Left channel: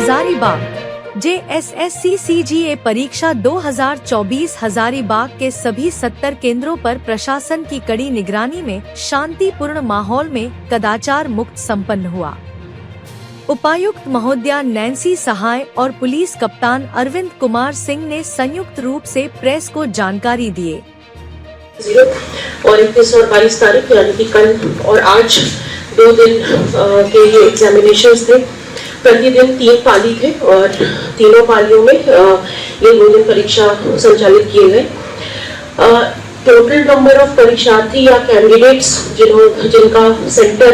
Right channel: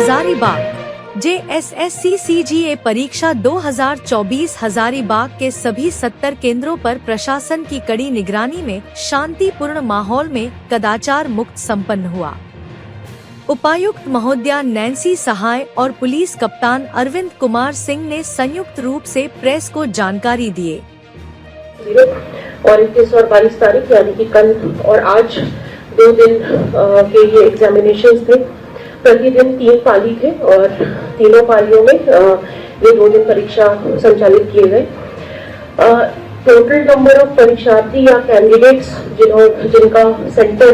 Hazaribagh JSSC CGA परीक्षा 2024 हजारीबाग के सभी 70 केंद्रों पर प्रशासन की कड़ी निगरानी में शांतिपूर्ण माहौल में कदाचार मुक्त संपन्न हुआ। उपायुक्त महोदया नैन्सी सहाय और पुलिस कप्तान अरविंद कुमार सिंह ने संयुक्त रूप से प्रेस को जानकारी दिए। और 21 और 22 तारीख यानी कि कल और आज 2 दिन के ये एग्जामिनेशंस थे। प्रतिदिन 3 पाली थे और तीनों पालियों में ये 2 दिन परीक्षा संचालित किए गए। टोटल नंबर ऑफ परीक्षार्थी या कैंडिडेट्स जिनका सेंटर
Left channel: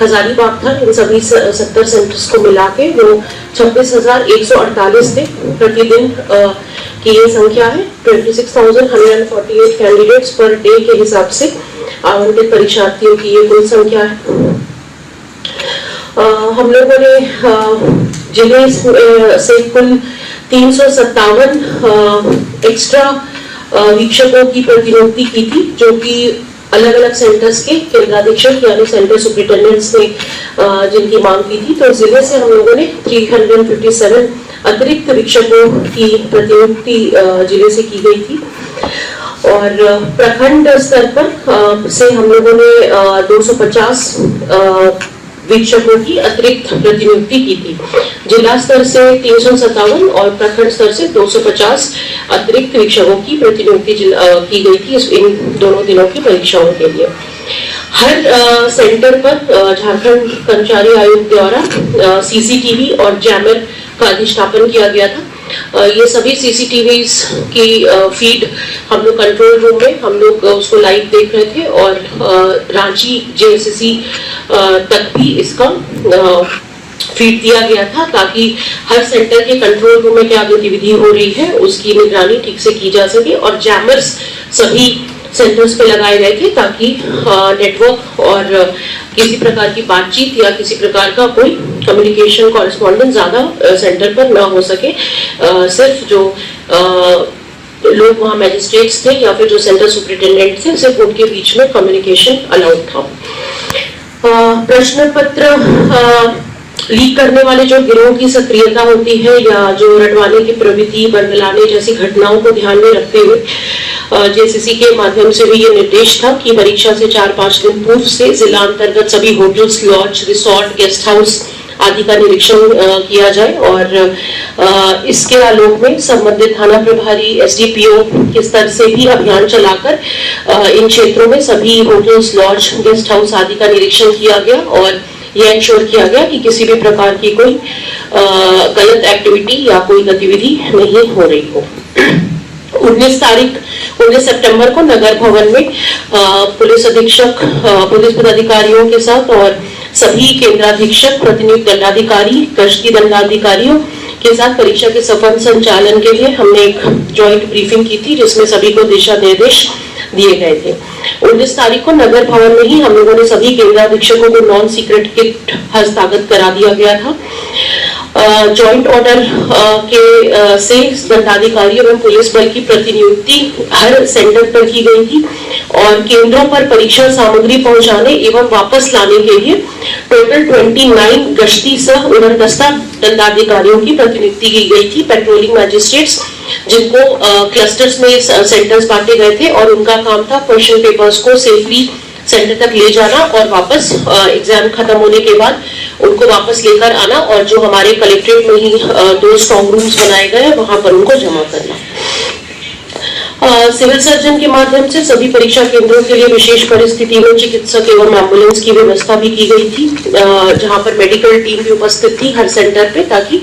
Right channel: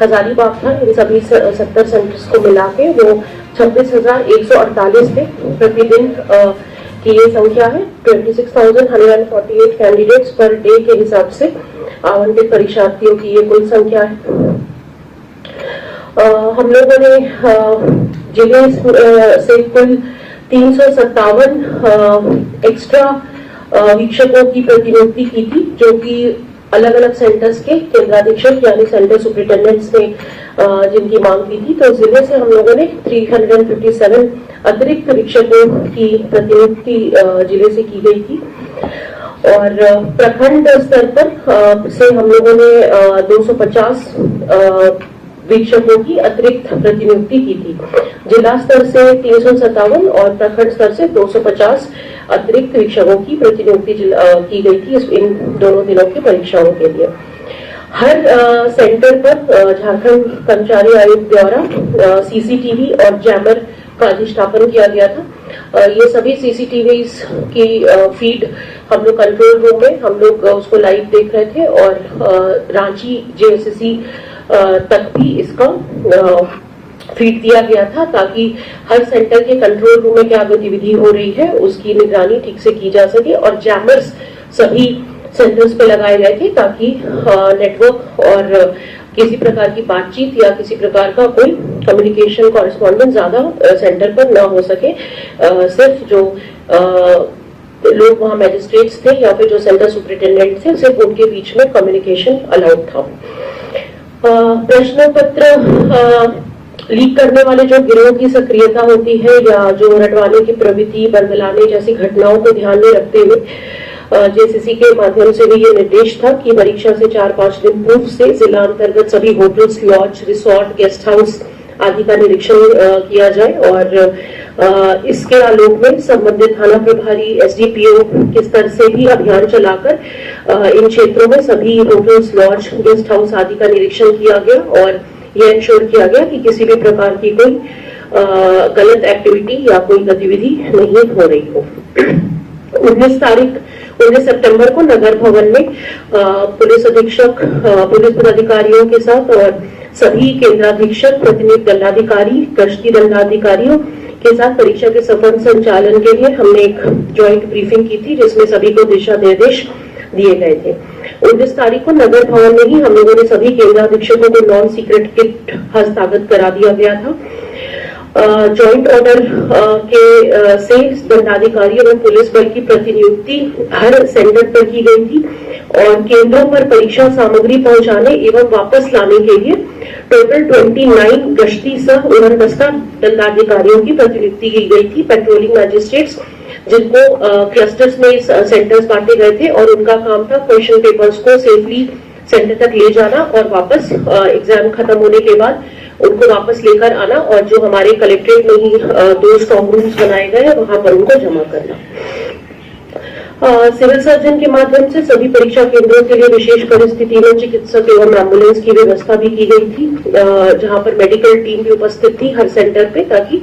हजारीबाग था, इन सभी 70 सेंटर्स को मिला के वो 26,148 थे। प्रतिदिन की ये संख्या है। 26,148 कैंडिडेट्स पर डे के हिसाब से आवंटित परीक्षार्थियों की ये कुल संख्या है। हम लोगों ने जिले से कुल 357 एक्स्ट्रा वीक्षकों की प्रतिनियुक्ति की थी, जो कि अलग अलग सेंटर्स के केंद्राधीक्षक यानी सेंटर सुपरिटेंडेंट्स ने जिनकी मांग की थी। तो जिले से हम लोगों ने 357 अतिरिक्त वीक्षकों की प्रतिनियुक्ति जिले से की गई थी। और प्रखंड स्तर पर से हम लोगों ने 250 वीक्षकों की अतिरिक्त प्रतिनियुक्ति की थी। जिला स्तर से 357 और प्रखंड स्तर से 250 अतिरिक्त वीक्षकों की प्रतिनियुक्ति की गई थी इन दोनों दिनों की परीक्षाओं के लिए। हर सेंटर पर झारखंड कर्मचारी आयोग द्वारा सीसीटीवी और जैमर का अधिष्ठापन किया गया था। ये सभी सीसीटीवीज की फीड हम लोग कंट्रोल रूम में हम लोग उसको लाइव देख रहे थे और रांची JSSC तक भी इसका फीड दिया गया था, ताकि हर सेंटर के कंट्रोल रूम में क्या गतिविधि हो रही है उसकी निगरानी ठीक से की जा सके। और जैमर्स सभी सेंटर्स पे लगाए गए थे ताकि नेटवर्क और किसी प्रकार की बातचीत या किसी प्रकार का कोई कम्युनिकेशन कॉरेस्पॉन्डेंस ज्यादा सेंटर पर न हो सके। सिर्फ जो लोग वहाँ मैजिस्ट्रेट्स थे या फिर जो सेंटर सुपरिटेंडेंट थे, सिर्फ उनके बीच में कम्युनिकेशन अलाउड था। प्रश्न पत्र लीक करने वाले जो गिरोह की सक्रियता होती है या जो रटवाने की प्रवृत्ति, बरगलाने जैसी घटनाओं को ध्यान में रखते हुए JSSC के माध्यम से भी ये निर्देश था कि परीक्षा से 4-5 दिन पूर्व से जिला अंतर्गत सभी hotels, lodge, resort, guest house आदि का निरीक्षण किया जाए। और इसके आलोक में संबंधित थाना प्रभारी SDPO के स्तर से भी अभियान चलाकर इन क्षेत्रों में सभी होटल्स, लॉज, गेस्ट हाउस आदि का निरीक्षण किया गया और यह इंश्योर किया गया कि किसी भी प्रकार की कोई गलत एक्टिविटी या कोई गतिविधि नहीं हो रही हो। 19 सितंबर को नगर भवन में पुलिस अधीक्षक, पुलिस पदाधिकारियों के साथ और सभी केंद्राधीक्षक, प्रतिनियुक्त दंडाधिकारी, गश्ती दंडाधिकारियों के साथ परीक्षा के सफल संचालन के लिए हमने एक जॉइंट ब्रीफिंग की थी, जिसमें सभी को दिशा निर्देश दिए गए थे। 19 तारीख को नगर भवन में ही हम लोगों ने सभी केंद्राधीक्षकों को नॉन सीक्रेट किट हस्तागत करा दिया गया था। जॉइंट ऑर्डर के से दंडाधिकारी एवं पुलिस बल की प्रतिनियुक्ति हर सेंटर पर की गई थी और केंद्रों पर परीक्षा सामग्री पहुंचाने एवं वापस लाने के लिए टोटल 29 गश्ती सह उड़नदस्ता दंडाधिकारियों की प्रतिनियुक्ति की गई थी। पेट्रोलिंग मैजिस्ट्रेट्स जिनको क्लस्टर्स में सेंटर्स बांटे गए थे और उनका काम था क्वेश्चन पेपर्स को सेफली सेंटर तक ले जाना और वापस एग्जाम खत्म होने के बाद उनको वापस लेकर आना और जो हमारे कलेक्ट्रेट में ही 2 स्ट्रॉन्ग रूम्स बनाए गए हैं वहां पर उनको जमा करना। सिविल सर्जन के माध्यम से सभी परीक्षा केंद्रों के लिए विशेष परिस्थिति में चिकित्सक एवं एम्बुलेंस की व्यवस्था भी की गई थी, जहां पर मेडिकल टीम भी उपस्थित थी हर सेंटर पे, ताकि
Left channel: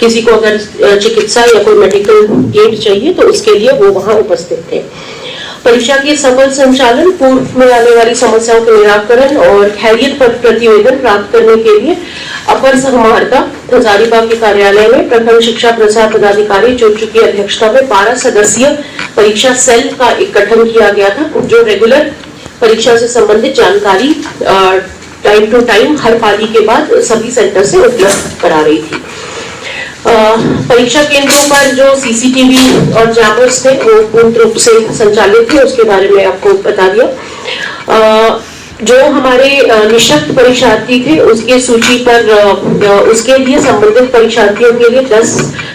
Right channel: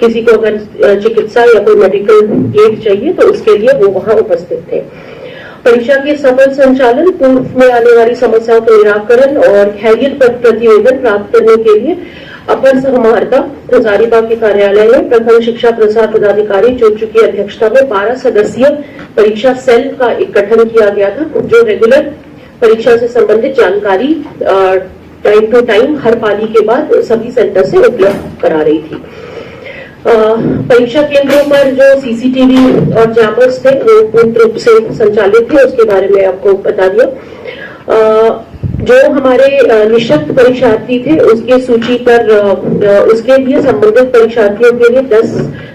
किसी को अगर चिकित्सा या कोई मेडिकल एड चाहिए तो उसके लिए वो वहां उपस्थित थे। परीक्षा के सफल संचालन, पूर्व में आने वाली समस्याओं के निराकरण और खैरियत पर प्रतिवेदन प्राप्त करने के लिए अपर समाहर्ता हजारीबाग के कार्यालय में प्रखंड शिक्षा प्रसार पदाधिकारी चुटचू की अध्यक्षता में 12 सदस्यीय परीक्षा सेल का एक गठन किया गया था, जो रेगुलर परीक्षा से संबंधित जानकारी टाइम टू टाइम हर पाली के बाद सभी सेंटर से उपलब्ध करा रही थी। परीक्षा केंद्रों पर जो सीसीटीवी और जैमर्स थे वो पूर्ण रूप से संचालित थे, उसके बारे में आपको बता दिया। जो हमारे निःशक्त परीक्षार्थी थे उसके सूची पर उसके लिए संबंधित परीक्षार्थियों के लिए 10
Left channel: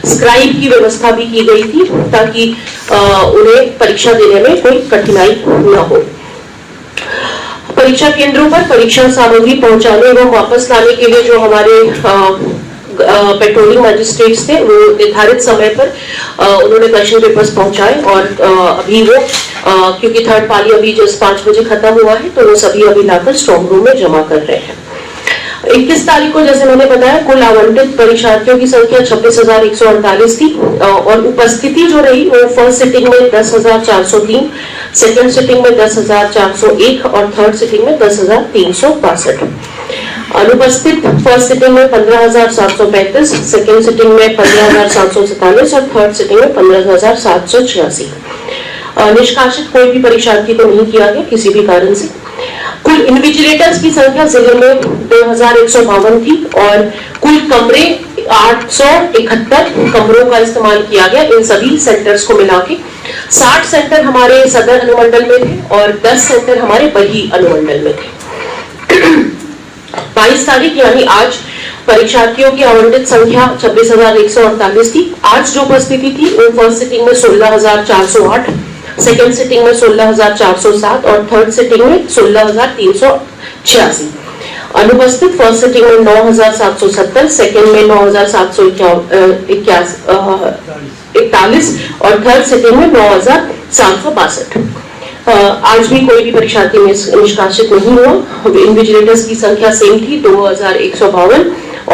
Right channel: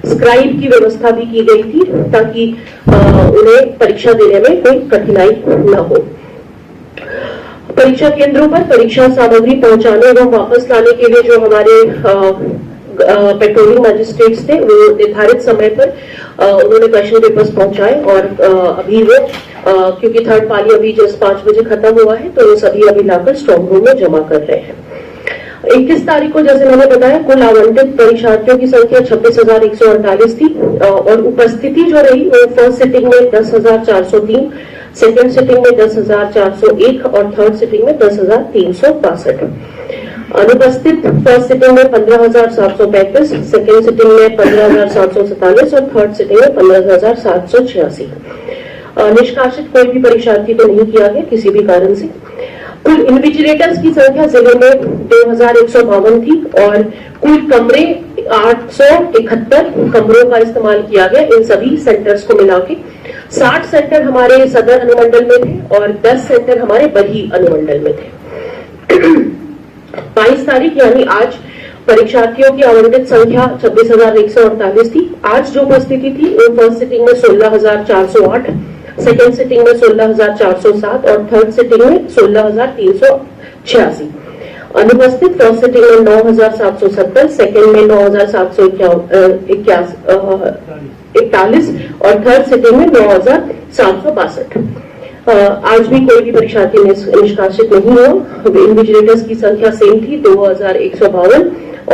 स्क्राइब की व्यवस्था भी की गई थी ताकि उन्हें परीक्षा देने में कोई कठिनाई न हो। परीक्षा केंद्रों पर परीक्षा सामग्री पहुंचाने एवं वापस लाने के लिए जो हमारे पेट्रोलिंग मजिस्ट्रेट्स थे वो निर्धारित समय पर उन्होंने क्वेश्चन पेपर्स पहुंचाए और अभी वो क्योंकि थर्ड पाली अभी जस्ट 5 बजे खत्म हुआ है तो वो सभी अभी लाकर स्ट्रॉन्ग रूम में जमा कर रहे हैं। 21 तारीख को जैसे मैंने बताया कुल आवंटित परीक्षार्थियों की संख्या 26,148 थी और उपस्थिति जो रही वो फर्स्ट सिटिंग में 10,403, सेकेंड सिटिंग में 10,401 और थर्ड सिटिंग में 10,362। अनुपस्थित फर्स्ट सिटिंग में 15,735, सेकेंड सिटिंग में 15,747 और थर्ड सिटिंग में 15,786। निष्कासित कोई भी परीक्षार्थी को नहीं किया गया किसी भी कारण से। कुल इन्विजिलेटर्स की संख्या जिले में 2,152 थी और कुल कमरे 871 कमरों का इस्तेमाल किया गया इन सभी सेंटर्स को मिला के। 60 सेंटर हमारे सदर अनुमंडल में थे और 10 सेंटर हमारे बही अनुमंडल में थे। 22 तारीख यानी आज परीक्षार्थियों की आवंटित संख्या 26,148 थी। आज जो उपस्थिति थी वो फर्स्ट सिटिंग में 16,408, सेकेंड सिटिंग में 16,407 और थर्ड सिटिंग में 16,386। अनुपस्थित फर्स्ट सिटिंग में 9,770, सेकेंड में 9,741 और थर्ड सिटिंग में 9,762। आज भी कोई भी परीक्षार्थी निष्कासित नहीं हुआ। इन्विजिलेटर्स की संख्या सेम थी 2,152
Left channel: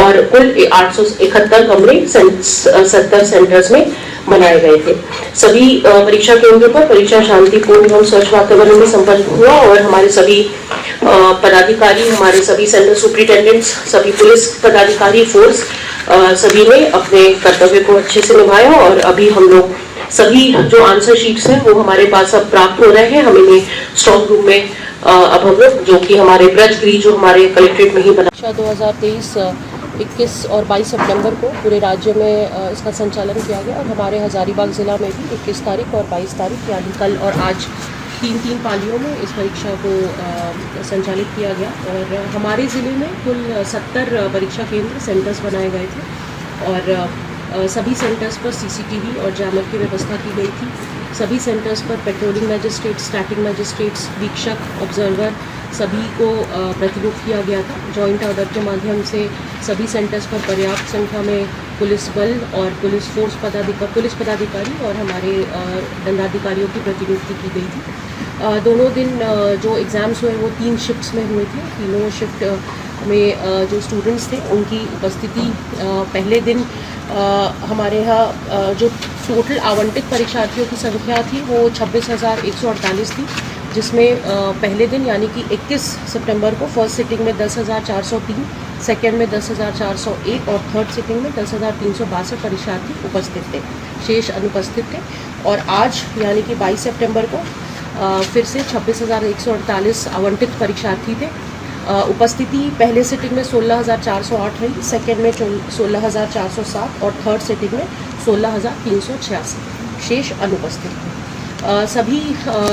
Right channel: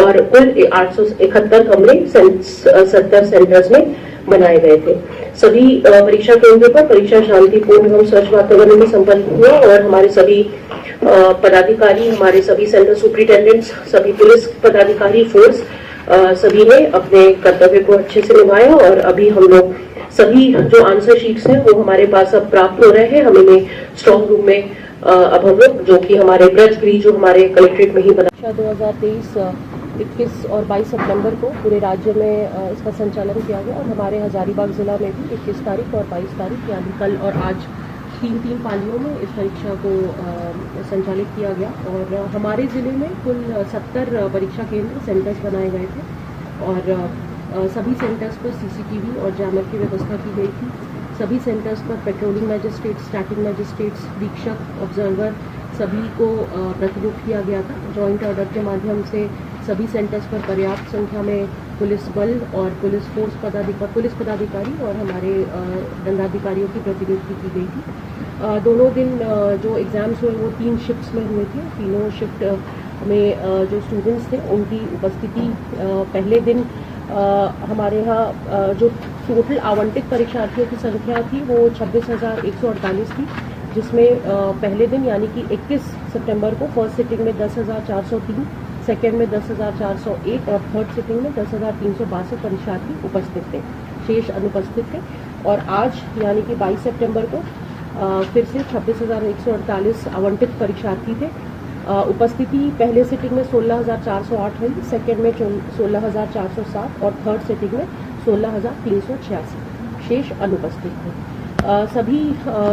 और कुल 871 कमरे 70 सेंटर्स में बनाए गए थे। सभी परीक्षा केंद्रों पर परीक्षा शांतिपूर्ण एवं स्वच्छ वातावरण में संपन्न हुआ और हमारे सभी पदाधिकारी, हमारे सभी सेंटर सुपरिटेंडेंट्स, सभी पुलिस पदाधिकारी, फोर्स सभी ने अपने कर्तव्य को अच्छे से निभाया और अभी हम लोग सभी जो आंसर शीट्स हैं वो हमारे पास अब प्राप्त हो रहे हैं। हम इन्हें स्ट्रॉन्ग रूम में अब हम लोग जो कि हमारे ब्रज गृह जो हमारे कलेक्ट्रेट में ही बना 2023 21 और 22 सितंबर को पूरे राज्य में इसका संचालन किया गया और हमारे हजारीबाग जिला में भी 21 तारीख और 22 तारीख यानी कल और आज 3 पालियों में इस परीक्षा को संचालित किया गया और हमारे ज़िले में कुल 70 परीक्षा केंद्र सेंटर्स बनाए गए थे और सभी सेंटर्स पर सीसीटीवी और जैमर की व्यवस्था की गई थी। सभी सेंटर्स पर पेट्रोलिंग मजिस्ट्रेट्स, स्टैटिक मजिस्ट्रेट्स, वीक्षक, ऑब्जर्वर सभी को प्रतिनियुक्त किया गया था। जॉइंट ऑर्डर के माध्यम से सभी सेंटर्स पर पर्याप्त संख्या में पुलिस बल और पुलिस पदाधिकारी और हमारे दंडाधिकारियों की प्रतिनियुक्ति की गई थी। दोनों दिन जो एग्ज़ाम्स हुए वो 3 शिफ्ट्स में हुए थे। तीनों शिफ्ट में जो स्टूडेंट्स थे उनकी उपस्थिति पहले दिन हमारे यहाँ जो टोटल आवंटित परीक्षार्थियों की संख्या थी वो 26,148 थी, जिसमें पहले दिन यानी कि 21 सितंबर को फर्स्ट सिटिंग में 10,403, सेकेंड में 10,401 और थर्ड सिटिंग में 10,362 परीक्षार्थी उपस्थित थे, शेष अनुपस्थित थे। और आज यानी कि 22 सितंबर को फिर से 26,148 आवंटित परीक्षार्थी थे। उपस्थिति पहले सिटिंग में 16,408 रही, सेकेंड में 16,407 और थर्ड सिटिंग में 16,386, शेष अनुपस्थित थे। सभी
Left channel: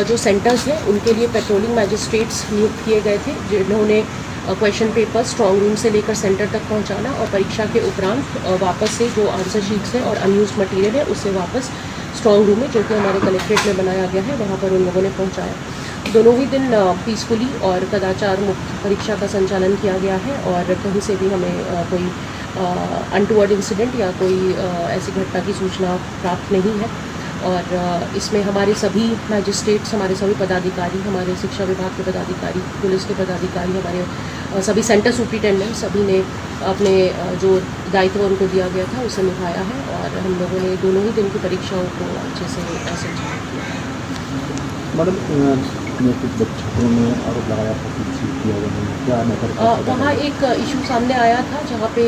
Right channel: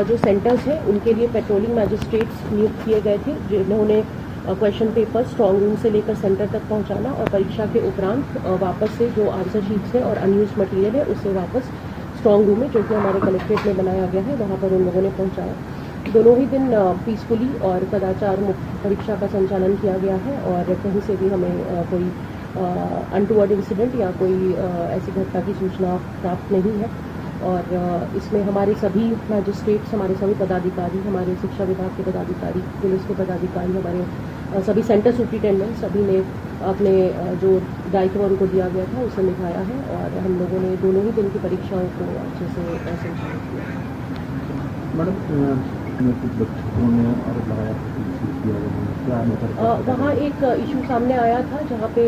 जो सेंटर्स हैं उनके लिए पेट्रोलिंग मजिस्ट्रेट्स नियुक्त किए गए थे, जिन्होंने क्वेश्चन पेपर स्ट्रॉन्ग रूम से लेकर सेंटर तक पहुंचाना और परीक्षा के उपरांत वापस से जो आंसर शीट्स हैं और अनयूज्ड मटेरियल है उससे वापस स्ट्रॉन्ग रूम में जो कि हमारे कलेक्ट्रेट में बनाया गया है वहाँ पर उन लोगों ने पहुँचाया। दोनों ही दिन पीसफुली और कदाचार मुक्त परीक्षा का संचालन किया गया है और कहीं से भी हमें कोई अनटूवर्ड इंसिडेंट या कोई ऐसी घटना की सूचना प्राप्त नहीं है। और इसमें हमारे सभी मैजिस्ट्रेट्स, हमारे सभी पदाधिकारी, हमारे शिक्षा विभाग के पदाधिकारी, पुलिस के पदाधिकारी, हमारे सभी सेंटर सुपरिटेंडेंट सभी ने अपने जो दायित्व उनको दिया गया था उसे निभाया है और हम लोगों ने दोनों ही दिन की परीक्षाओं को अच्छे से संचालित किया। मैडम कुछ बच्चों ने आरोप लगाया था वहाँ एक इशू सामने आया था जहाँ पे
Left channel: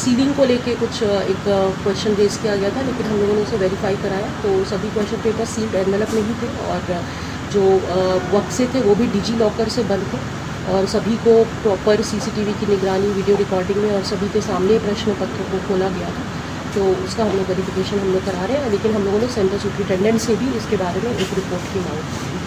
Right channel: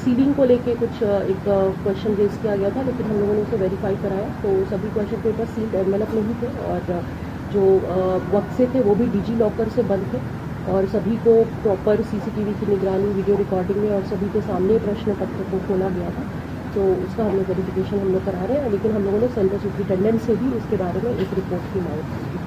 सीलिंग को लेके कुछ एक क्वेश्चन रेज किया गया था, लेकिन हम लोगों ने उसे वेरीफाई कराया तो सभी क्वेश्चन पेपर सील्ड एनवेलप में ही थे और जो बक्से थे वो भी डिजी लॉकर से बंद थे और सभी को प्रॉपर सीसीटीवी की निगरानी, वीडियो रिकॉर्डिंग में और सभी के सामने प्रश्न पत्र को खोला गया था। तो उसका हम लोग वेरिफिकेशन हम लोग करा रहे हैं, लेकिन हम लोगों ने सेंटर सुपरिटेंडेंट से भी इसके बारे में एक रिपोर्ट की मांग की।